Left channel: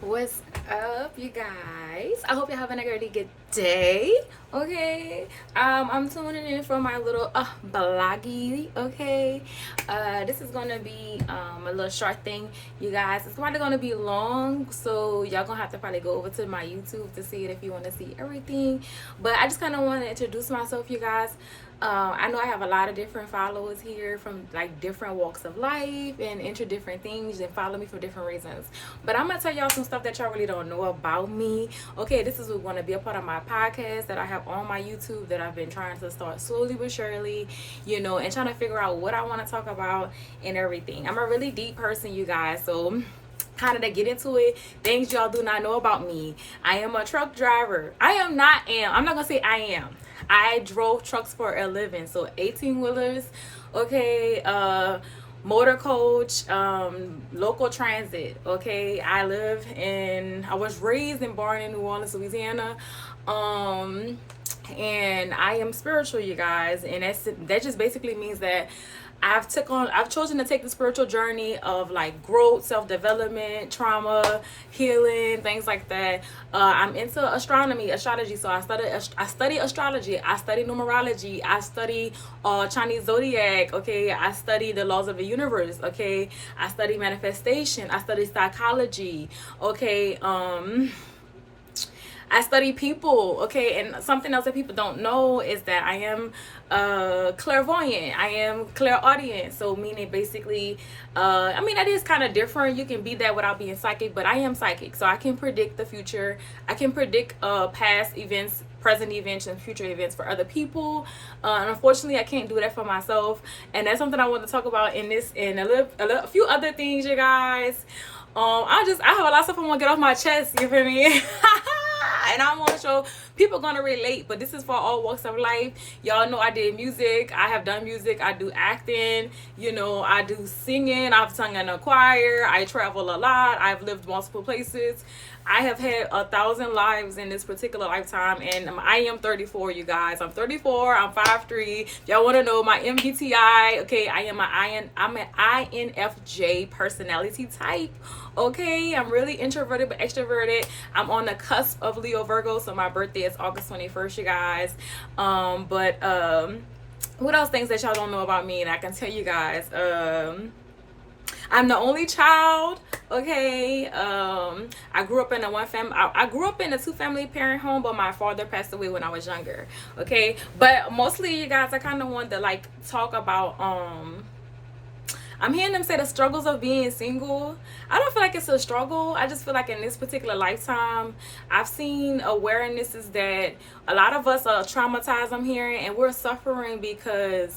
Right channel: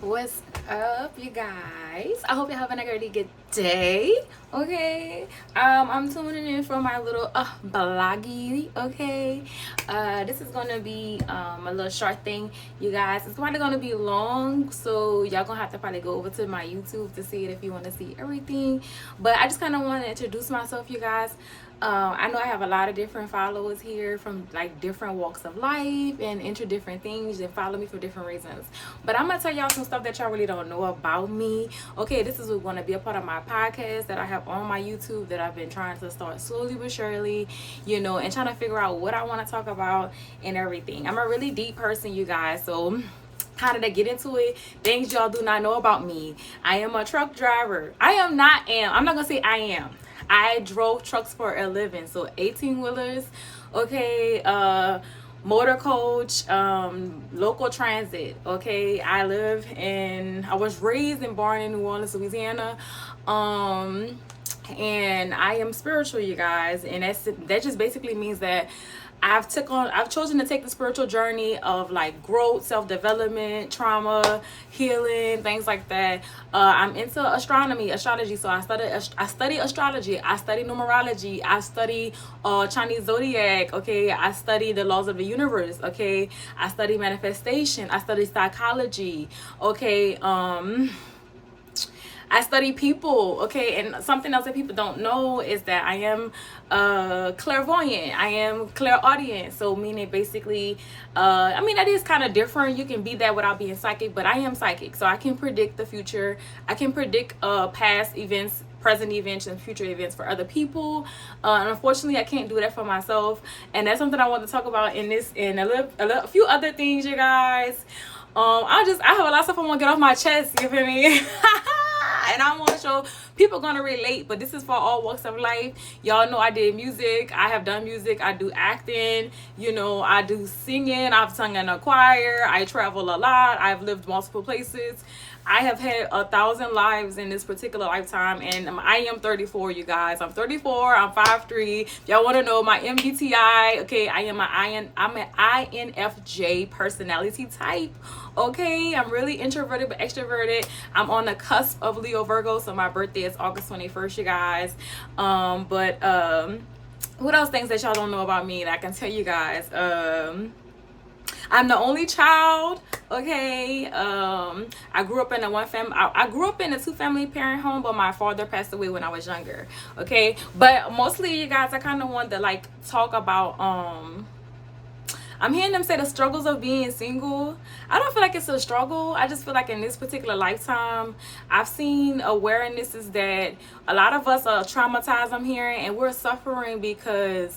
What's up, you guys? I hope you're having a really good day. Okay. I'm tuning in for my little bloggy. Okay. This is gonna be a little short thing, you guys. It's probably gonna be long, so y'all gonna have to probably go over to my YouTube to see it if you want to see everything. But I just kind of want to introduce myself, you guys. I know I have a lot of different followers here from like different walks of life and into different things and follow me for different reasons. But I'm gonna tell y'all some stuff that y'all really don't know about me. Okay, this is going to be a part of my podcast that I have on my YouTube that I've been trying to start slowly but surely, and trying to figure out what I want to talk about and everything. I'm a really deep person, you guys, so kind of to get into it, things y'all do not know about me. I am a truck driver. I'm not gonna say I am. I drove trucks for a living, so 18-wheelers, okay, motor coach, local transit, okay. I was raised and born in New Orleans, Louisiana, and I am spiritual, you guys, and that just basically means that I've chosen to take the spiritual journey of like growth, self-development, trauma, healing, things like that. I'm into astrology, so I study astrology, I study numerology, I study Chinese zodiac, okay, I study the laws of the universe, okay, I study manifestation, I study psychology, okay, I study people, okay, and something else that people don't know is that I am clairvoyant. I am clairaudience, so meaning basically, that is kind of different. You can be that without being psychic, but I am psychic, so I can predict the future. I can predict past events, present events, and future events for other people. And unfortunately, I can't do that for myself, and that's something I want to talk about in this and a few other things, you guys. I have a lot of stuff I want to get off my chest. You feel me? And I want to show people gonna relate, but this is for all walks of life. Y'all know I did music. I have done music. I do acting. I do singing. I've sung in a choir. I travel a lot. I've lived multiple places. I have had 1,000 lives in this particular lifetime, and I am 34, you guys. I'm 34. I'm 5'3". Y'all want to know my MBTI? Okay, I'm an INFJ personality type. Okay, I'm really introverted but extroverted. I'm on the cusp of Leo Virgo, so my birthday is August 21st, you guys. What else things that y'all don't know about me that I can tell you guys? I'm the only child, okay. I grew up in I grew up in a 2-family parent home, but my father passed away when I was younger, okay. But mostly, you guys, I kind of want to like talk about I'm hearing them say the struggles of being single. I don't feel like it's a struggle. I just feel like in this particular lifetime, I've seen awarenesses that a lot of us are traumatized, I'm hearing, and we're suffering because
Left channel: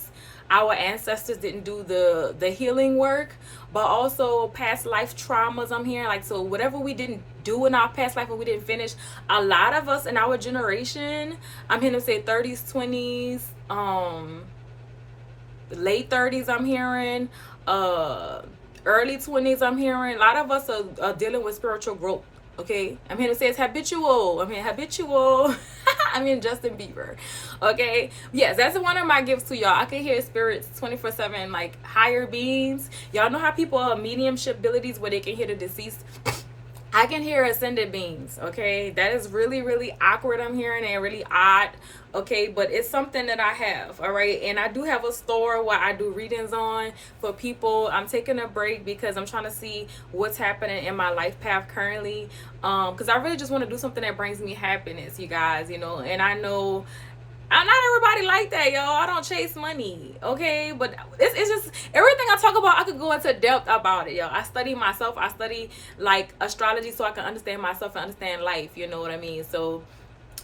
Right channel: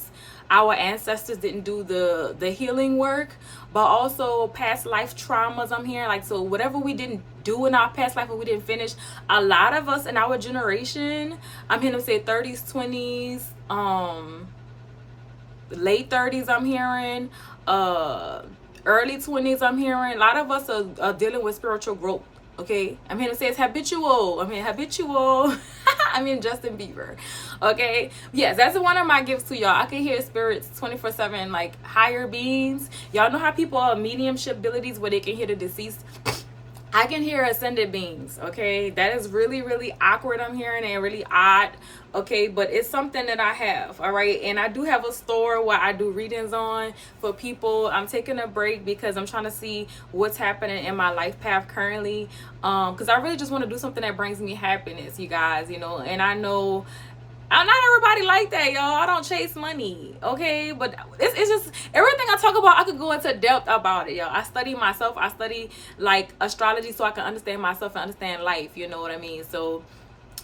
our ancestors didn't do the healing work, but also past life traumas, I'm hearing. Like, so whatever we didn't do in our past life and we didn't finish, a lot of us in our generation, I'm hearing them say 30s, 20s, late 30s, I'm hearing, early 20s, I'm hearing. A lot of us are dealing with spiritual growth, okay. I'm hearing it say it's habitual. I'm in Justin Bieber, okay. Yes, that's one of my gifts to y'all. I can hear spirits 24/7, like higher beings. Y'all know how people are mediumship abilities where they can hear the deceased. I can hear ascended beings, okay. That is really, really awkward, I'm hearing, and really odd, okay, but it's something that I have, all right. And I do have a store where I do readings on for people. I'm taking a break because I'm trying to see what's happening in my life path currently, because I really just want to do something that brings me happiness, you guys, and I know not everybody like that, y'all. I don't chase money, okay? But it's just everything I talk about, I could go into depth about it, y'all. I study myself. I study like astrology so I can understand myself and understand life, you know what I mean? So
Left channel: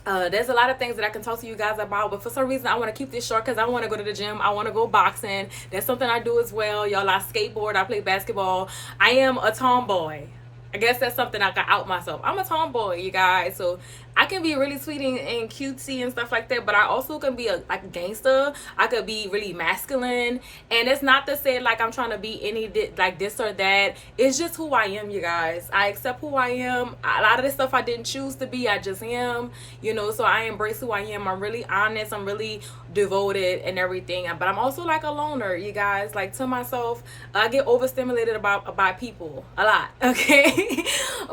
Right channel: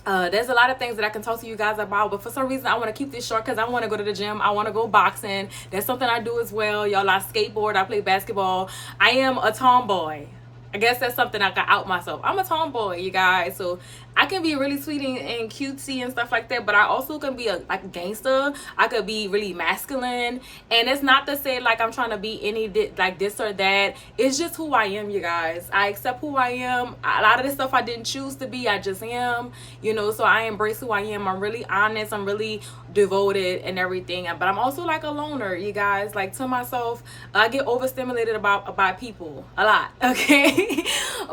there's a lot of things that I can talk to you guys about, but for some reason I want to keep this short because I want to go to the gym. I want to go boxing. That's something I do as well, y'all. I skateboard. I play basketball. I am a tomboy. I guess that's something I can out myself. I'm a tomboy, you guys. So I can be really sweet and cutesy and stuff like that, but I also can be a gangster. I could be really masculine, and it's not to say like I'm trying to be like this or that. It's just who I am, you guys. I accept who I am. A lot of this stuff I didn't choose to be. I just am, so I embrace who I am. I'm really honest. I'm really devoted and everything. But I'm also like a loner, you guys. Like, to myself, I get overstimulated by people a lot. Okay.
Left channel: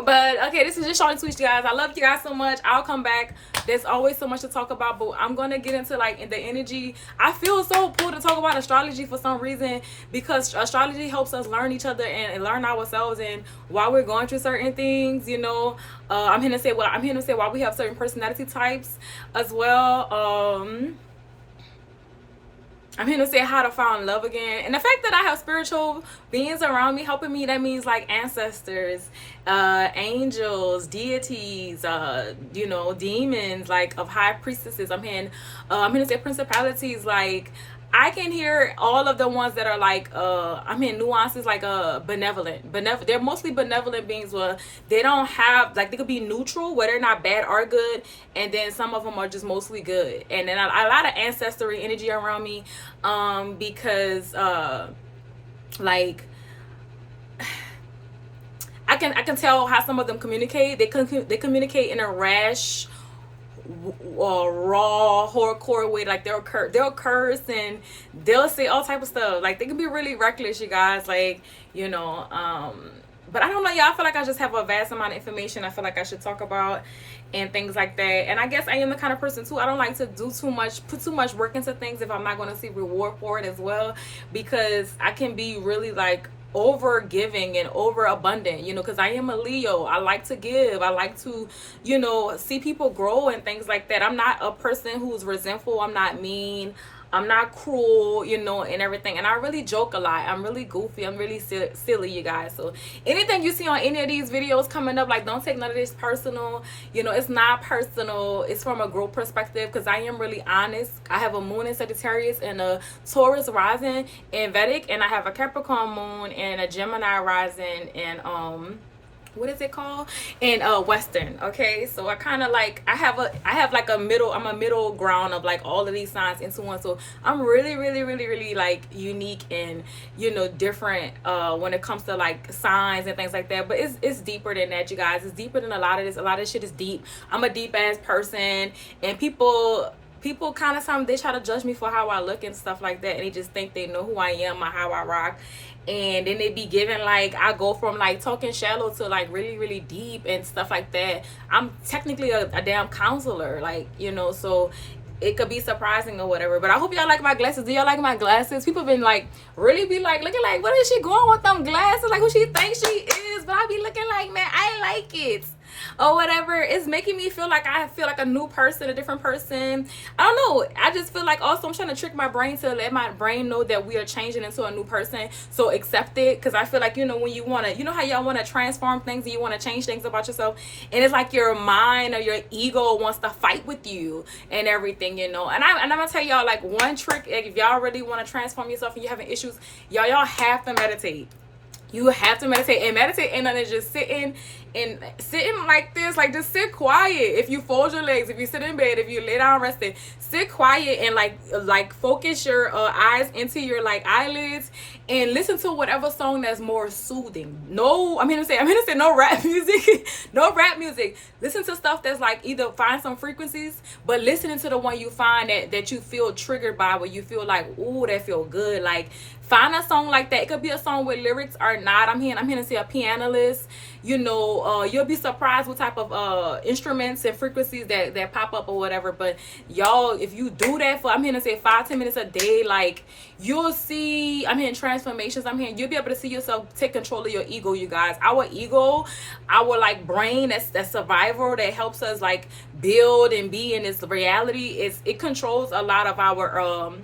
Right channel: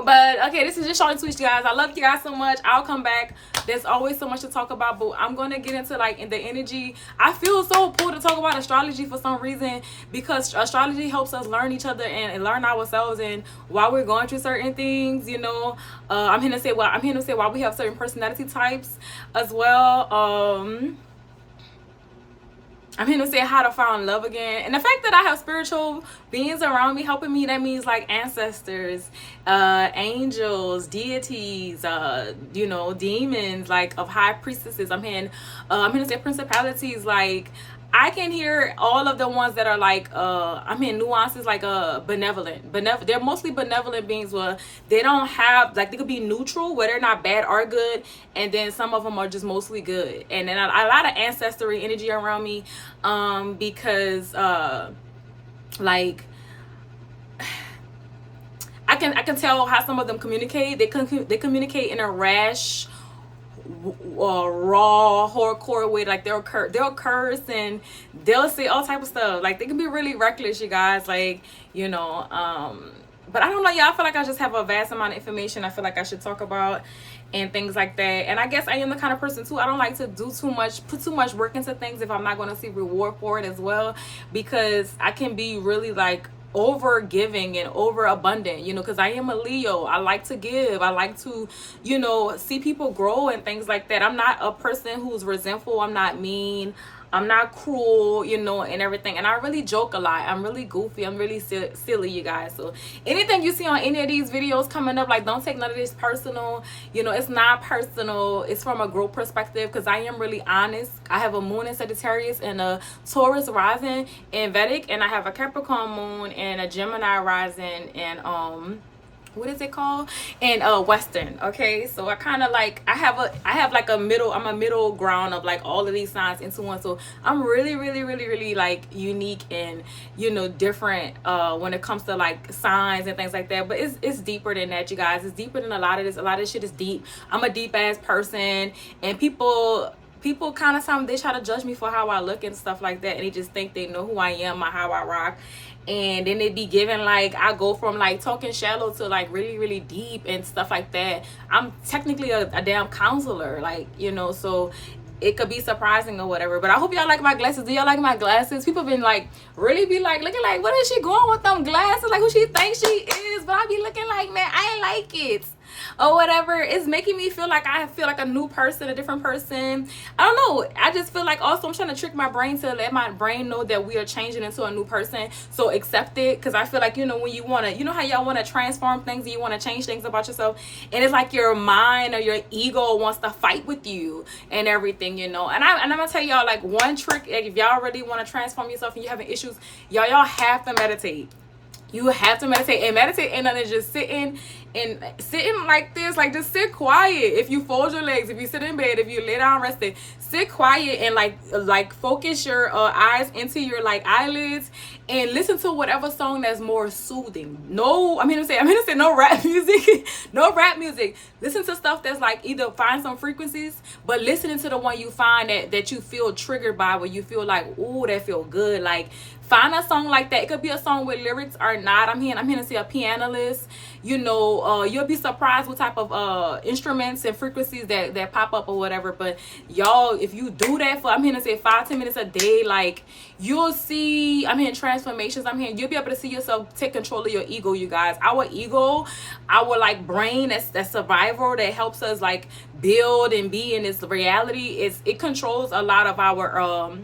But okay, this is just short and sweet, you guys. I love you guys so much. I'll come back. There's always so much to talk about, but I'm gonna get into like the energy. I feel so cool to talk about astrology for some reason, because astrology helps us learn each other and learn ourselves, and while we're going through certain things, you know. I'm here to say why we have certain personality types as well. I'm here to say how to find love again. And the fact that I have spiritual beings around me helping me, that means like ancestors, angels, deities, you know, demons, like of high priestesses. I'm here to say principalities. Like, I can hear all of the ones that are like nuances, like benevolent. They're mostly benevolent beings where they don't have, like, they could be neutral where they're not bad or good, and then some of them are just mostly good. And then a lot of ancestry energy around me, because like, I can tell how some of them communicate. They communicate in a rash, raw, hardcore way. Like, they'll curse and they'll say all type of stuff. Like, they can be really reckless, you guys. Like, you know, but I don't know, y'all. I feel like I just have a vast amount of information I feel like I should talk about and things like that. And I guess I am the kind of person too, I don't like to put too much work into things if I'm not going to see reward for it as well, because I can be really like over giving and over abundant, you know, because I am a Leo. I like to give. I like to, you know, see people grow and things like that. I'm not a person who's resentful. I'm not mean. I'm not cruel, you know, and everything. And I really joke a lot. I'm really goofy. I'm really silly, you guys. So anything you see on any of these videos coming up, like, don't take none of this personal. You know, it's not personal. It's from a growth perspective, because I am really honest. I have a moon in Sagittarius and a Taurus rising in Vedic, and I have a Capricorn moon and a Gemini rising and what is it called, in Western. Okay, so I kind of like, I have like I'm a middle ground of like all of these signs into one. So I'm really like unique and, you know, different when it comes to like signs and things like that. But it's deeper than that, you guys. It's deeper than a lot of this. A lot of this shit is deep. I'm a deep ass person, and people kind of sometimes they try to judge me for how I look and stuff like that, and they just think they know who I am or how I rock. And then they be giving, like, I go from like talking shallow to like really deep and stuff like that. I'm technically a damn counselor, like, you know, so it could be surprising or whatever. But I hope y'all like my glasses. Do y'all like my glasses? People been like really be like looking like, what is she going with them glasses, like who she thinks she is? But I be looking like, man, I ain't like it or whatever. It's making me feel like I feel like a new person, a different person. I don't know. I just feel like also I'm trying to trick my brain to let my brain know that we are changing into a new person. So accept it, because I feel like, you know, when you want to, you know how y'all want to transform things and you want to change things about yourself, and it's like your mind or your ego wants to fight with you and everything, you know. And I'm gonna tell y'all, like, one trick, if y'all really want to transform yourself and you're having issues, y'all have to meditate. You have to meditate, and meditate ain't nothing, just sitting like this, like, just sit quiet. If you fold your legs, if you sit in bed, if you lay down rested, sit quiet and like focus your eyes into your like eyelids and listen to whatever song that's more soothing. No, I'm gonna say no rap music. No rap music. Listen to stuff that's like, either find some frequencies, but listening to the one you find that you feel triggered by, where you feel like, ooh, that feel good. Like, find a song like that. It could be a song with lyrics or not. I'm here to see a pianist. You know, you'll be surprised what type of instruments and frequencies that pop up or whatever. But y'all, if you do that for, I'm here to say 5-10 minutes a day, like, you'll see, I'm hearing transformations. You'll be able to see yourself take control of your ego, you guys. Our ego, our like brain, that's survival, that helps us like build and be in this reality, it controls a lot of our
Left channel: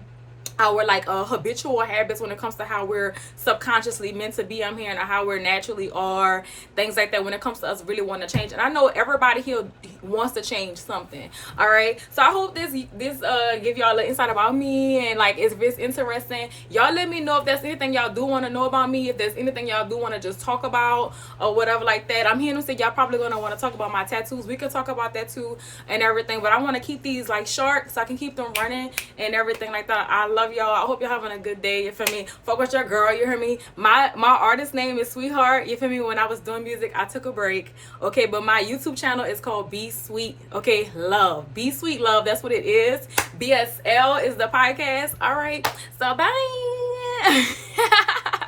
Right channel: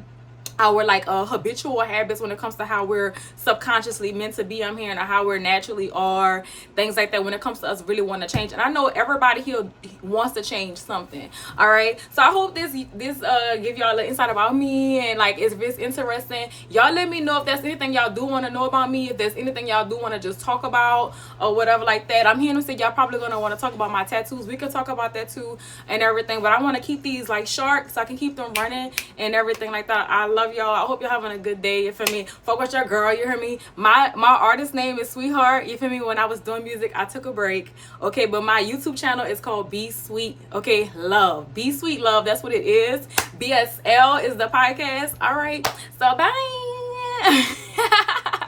like habitual habits when it comes to how we're subconsciously meant to be. I'm hearing how we're naturally are, things like that, when it comes to us really want to change. And I know everybody here wants to change something. All right, so I hope this give y'all an insight about me, and like, if it's interesting, y'all let me know if there's anything y'all do want to know about me, if there's anything y'all do want to just talk about or whatever like that. I'm here to say y'all probably gonna want to talk about my tattoos. We can talk about that too and everything, but I want to keep these like short so I can keep them running and everything like that. I love love y'all. I hope you're having a good day. You feel me? Fuck with your girl. You hear me? My artist name is Sweetheart. You feel me? When I was doing music, I took a break. Okay, but my YouTube channel is called Be Sweet. Okay, Love. Be Sweet Love. That's what it is. BSL is the podcast. All right. So bye.